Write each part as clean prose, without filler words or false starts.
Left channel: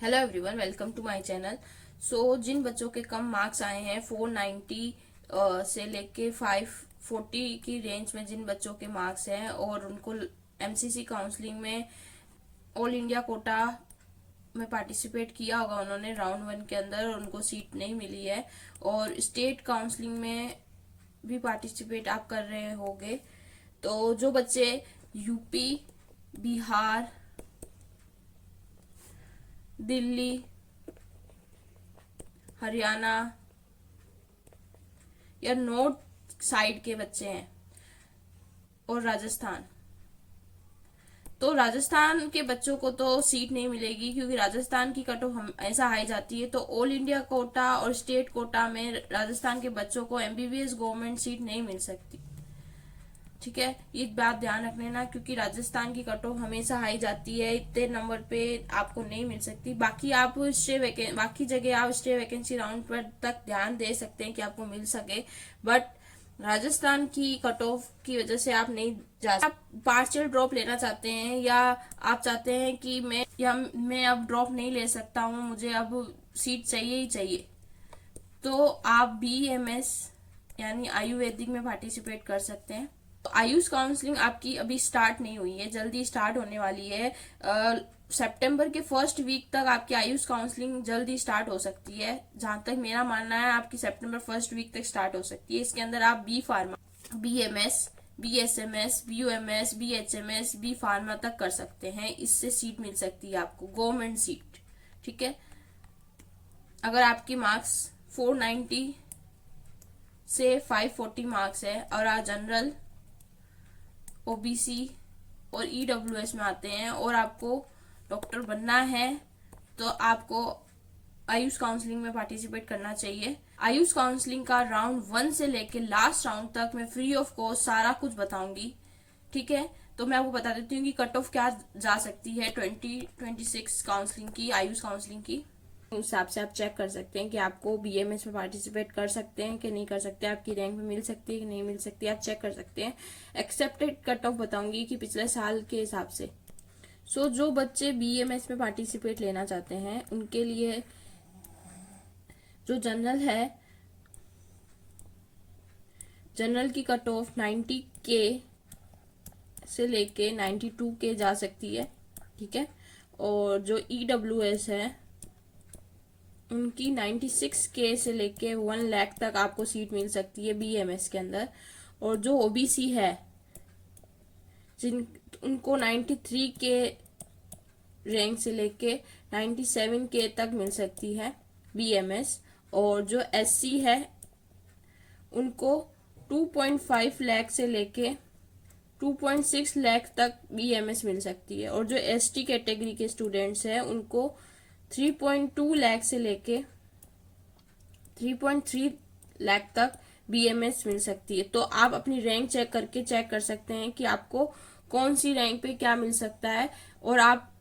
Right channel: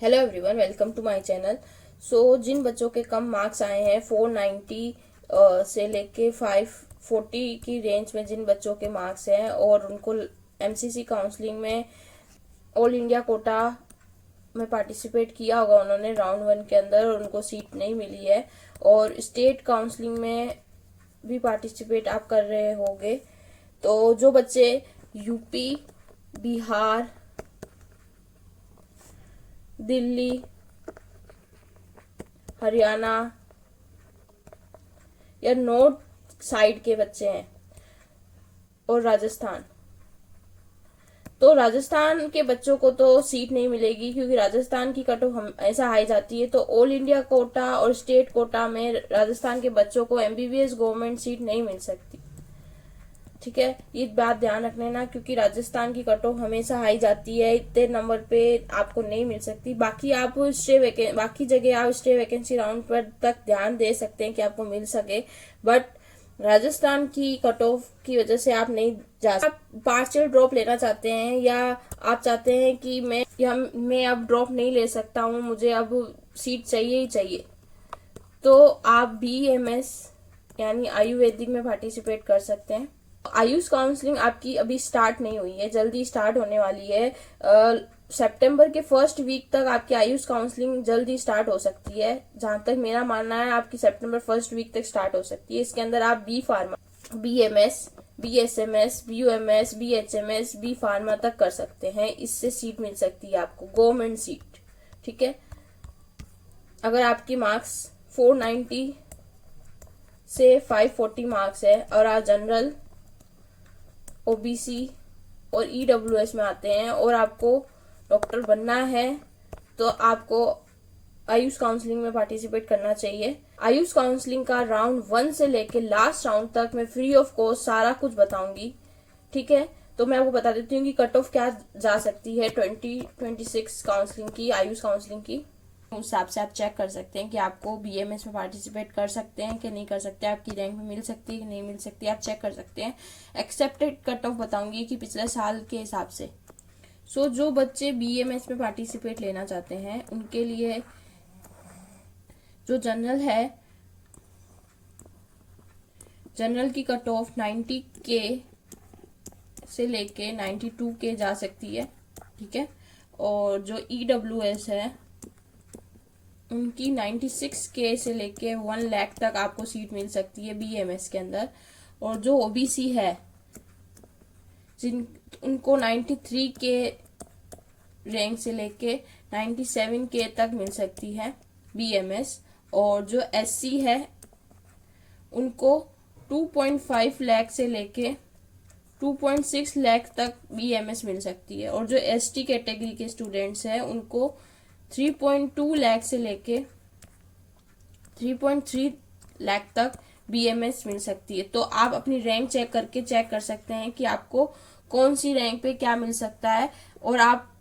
Hello everyone, welcome to my channel. जिन बच्चों के कम मार्क्स आए हैं 490 से लेके 540 की रेंज में, जिन बच्चों के मार्क्स हैं और उनको एमसीसी काउंसलिंग में ऑल इंडिया कोटा में पार्टिसिपेट किया होगा उन्होंने राउंड 1 के अंदर और उनको सीट नहीं मिली है, और स्टेट काउंसलिंग में भी पार्टिसिपेट आप कर रहे होंगे, तो जो बच्चे यूपी, बिहार, दिल्ली, हरियाणा या नॉर्थ साइड के बच्चे हैं और राजस्थान, तो राजस्थान के बच्चों को तो सीट नहीं मिलेगी, क्योंकि राजस्थान की कट ऑफ हमेशा हाई जाती है। तो ऑल इंडिया कोटा और स्टेट कोटा में राजस्थान के बच्चों को एमबीबीएस गवर्नमेंट सीट नहीं मिल सकती। ठीक है, ये बात ध्यान रखने ना, क्योंकि राजस्थान की कट ऑफ हमेशा हाई जाती है, इतने नंबर पे आपको नहीं मिल सकती। बाकी बाकी जगह आप स्टे वैकेंसी राउंड पर तक ध्यान दे सकते हैं कि आपको मिल सके, बट राजस्थान की कट ऑफ की वजह से आप नहीं जा सकते। आप पार्शियल ड्रॉप लेना चाहते हैं या आप चाहते हैं कि मैं अब ड्रॉप नहीं ले सकता हूँ, मुझे अब सीट चाहिए ही चाहिए, तो आप बीएमएस यानी आयुर्वेदिक में पार्टिसिपेट कर सकते हैं। आयुष काउंसलिंग आपकी अभी स्टार्ट नहीं हुई है, जल्दी स्टार्ट होने वाली है। सितंबर के फर्स्ट वीक तक आपकी आयुष काउंसलिंग जल्दी स्टार्ट हो सकती है। जहां तक मेरा मानना है, आपकी सितंबर फर्स्ट वीक तक स्टार्ट हो सकती है। इसके अंदर आप B pharma, BMS, BSMS, BUMS, BHMS, B pharma तक कर सकते हैं। इससे सीट मिल सकती है आपको, गवर्नमेंट सीट। ठीक है, अगर आपकी मार्क्स 490 से 540 मार्क्स है और आप जनरल, ओबीसी और ईडब्ल्यूएस में आते हैं और आपको डॉक्टर बनना है, तो आपको आयुष काउंसलिंग में पार्टिसिपेट करना चाहिए। आयुष काउंसलिंग का राउंड 1 से लेके लास्ट राउंड तक मैं फ्री ऑफ कॉस्ट सारा कुछ बताऊंगी। ठीक है, तो मैं आपको बता देती हूँ कि कट ऑफ क्या जा सकती है 2026 काउंसलिंग की, आयुष काउंसलिंग की। उस हिसाब से आप चेक कर सकते हैं कि आपको बीएमएस में पार्टिसिपेट कर सकते हैं कि नहीं कर सकते, आपकी रैंक में मिल सकती है कि नहीं मिल सकती, आप चेक कर सकते हैं। एक्सेप्टेड कट ऑफ बताऊंगी कि पिछले साल के हिसाब से। जो बच्चे बीएमएस में पार्टिसिपेट लेना चाहते हैं उनके लिए जो जनरल है, जनरल की कट ऑफ 90 के से लेके 92 के जा सकती है। ठीक है, और जो ईडब्ल्यूएस है उनकी 96 के से लेके 1 लाख तक आपको सीट मिल सकती है बीएमएस के अंदर। और जो ओबीसी है उनको 93 के रैंक से लेके 97 के तक मिल सकती है बीएमएस। और जो एससी है उनको 2.5 लाख से लेके 2.6 लाख तक बीएमएस मिल सकती है। और जो एसटी कैटेगरी के स्टूडेंट्स हैं उनको 3.2 लाख से लेके 3.3 लाख तक बीएमएस मिल सकती है। तो आप अपनी रैंक चेक कर सकते हैं कि आपको कौन सी रैंक पे क्या मिल सकता है, और आप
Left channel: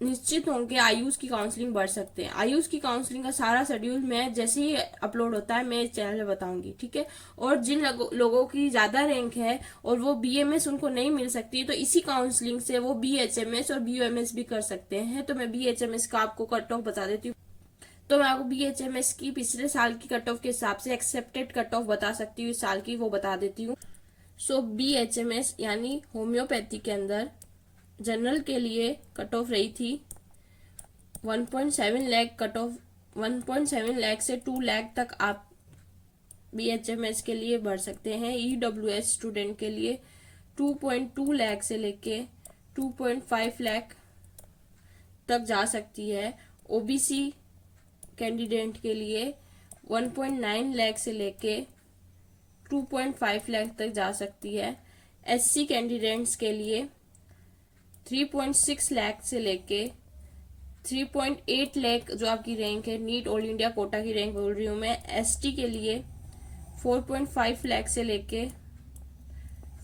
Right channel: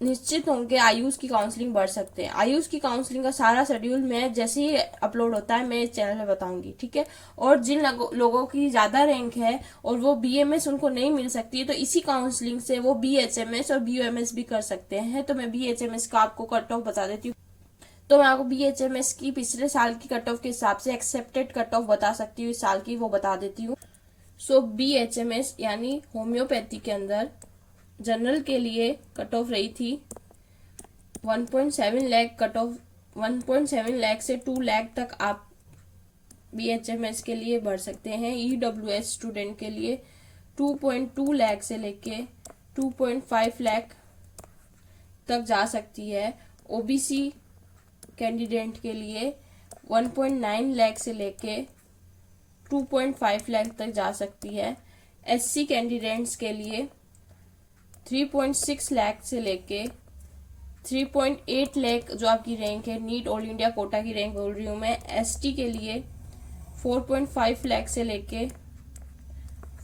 निश्चित होंगे आयुष की काउंसलिंग बढ़ सकते हैं। आयुष की काउंसलिंग का सारा शेड्यूल मैं जैसे ही अपलोड होता है मैं इस चैनल पे बताऊंगी। ठीक है, और जिन लोगों की ज्यादा रैंक है और वो बीएमएस उनको नहीं मिल सकती है, तो इसी काउंसलिंग से वो बीएचएमएस और बीयूएमएस भी कर सकते हैं। तो मैं बीएचएमएस का आपको कट ऑफ बता देती हूँ। तो मैं आपको बीएचएमएस की पिछले साल की कट ऑफ के हिसाब से एक्सेप्टेड कट ऑफ बता सकती हूँ, इस साल की वो बता देती हूँ। बीएचएमएस यानी होम्योपैथी के अंदर जनरल के लिए कट ऑफ रही थी 1.7 लाख, कट ऑफ 1.7 लाख से 2 लाख तक आप बीएचएमएस के लिए बढ़ सकते हैं। ईडब्ल्यूएस स्टूडेंट के लिए 2.2 लाख से लेके 2.5 लाख तक जा सकती है। ओबीसी कैंडिडेट के लिए 1.9 लाख से लेके 2.5 लाख तक जा सकती है। एससी कैंडिडेट्स के लिए 3.6 लाख से लेके 3.8 लाख जो आपकी रैंक है, नीट ऑल इंडिया कोटा की रैंक बोल रही हूँ मैं। एसटी के लिए 4.5 लाख से लेके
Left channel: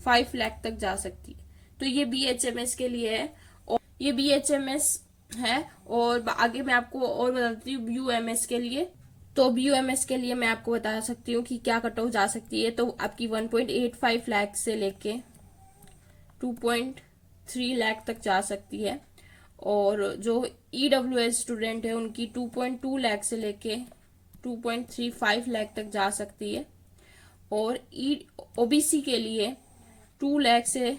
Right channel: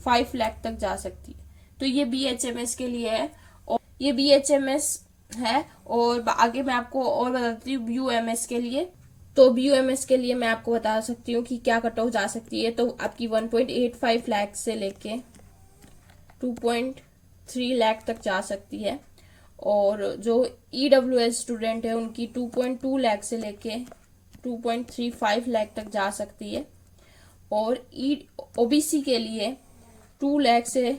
5 लाख तक जा सकती है। तो ये बीएचएमएस के लिए है, और ये बीएचएमएस है। और आगे मैं आपको और बताती हूँ बीयूएमएस के लिए। तो बीयूएमएस के लिए मैं आपको बता सकती हूँ कि क्या कट ऑफ जा सकती है। तो आपकी 1.85 लाख से लेके 2.3 लाख तक जा सकती है। और जो EWS स्टूडेंट है उनकी 2.2 लाख से लेके 2.35 लाख तक जा सकती है, और OBC के लिए 2 लाख से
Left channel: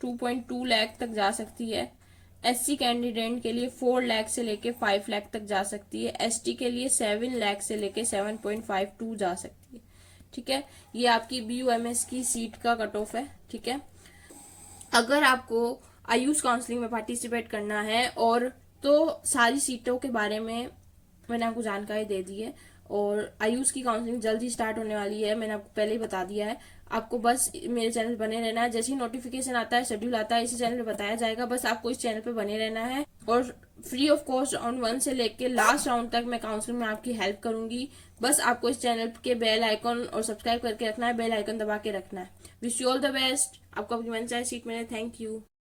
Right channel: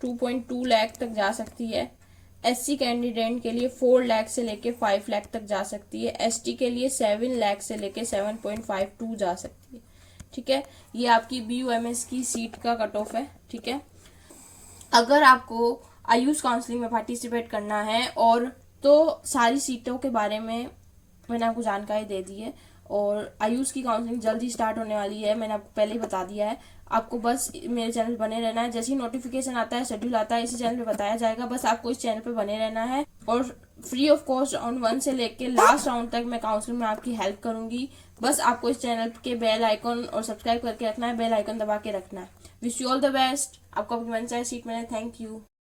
2.2 लाख तक जा सकती है। SC कैंडिडेट के लिए 4 लाख से लेके 5 लाख तक जा सकती है। ST के लिए 7 लाख से लेके 7.52 जा सकती है। ठीक है, ये आपकी BUMS की सीट का कट ऑफ है। ठीक है, अगर आपको आयुष काउंसलिंग में पार्टिसिपेट करना है और तो सारी सीटों के बारे में मैंने आपको जानकारी दे दी है, और आयुष की काउंसलिंग जल्दी स्टार्ट होने वाली है, मैंने आपको पहले ही बता दिया है। आपको बस मेरे चैनल पर बने रहना है, जैसे ही नोटिफिकेशन आता है, शेड्यूल आता है, इसी चैनल पे बताया जाएगा। बस आपको इस चैनल पे बने रहना है, और फ्री ऑफ कॉस्ट राउंड 1 से लेके लास्ट राउंड तक मैं काउंसलिंग में आपकी हेल्प करूंगी। बस आपको इस चैनल के बेल आइकन और सब्सक्राइब करके रखना है, बेल आइकन दबा के रखना है। Wish you all the best, आपको अपनी मनचाही सीट मिले। Thank you.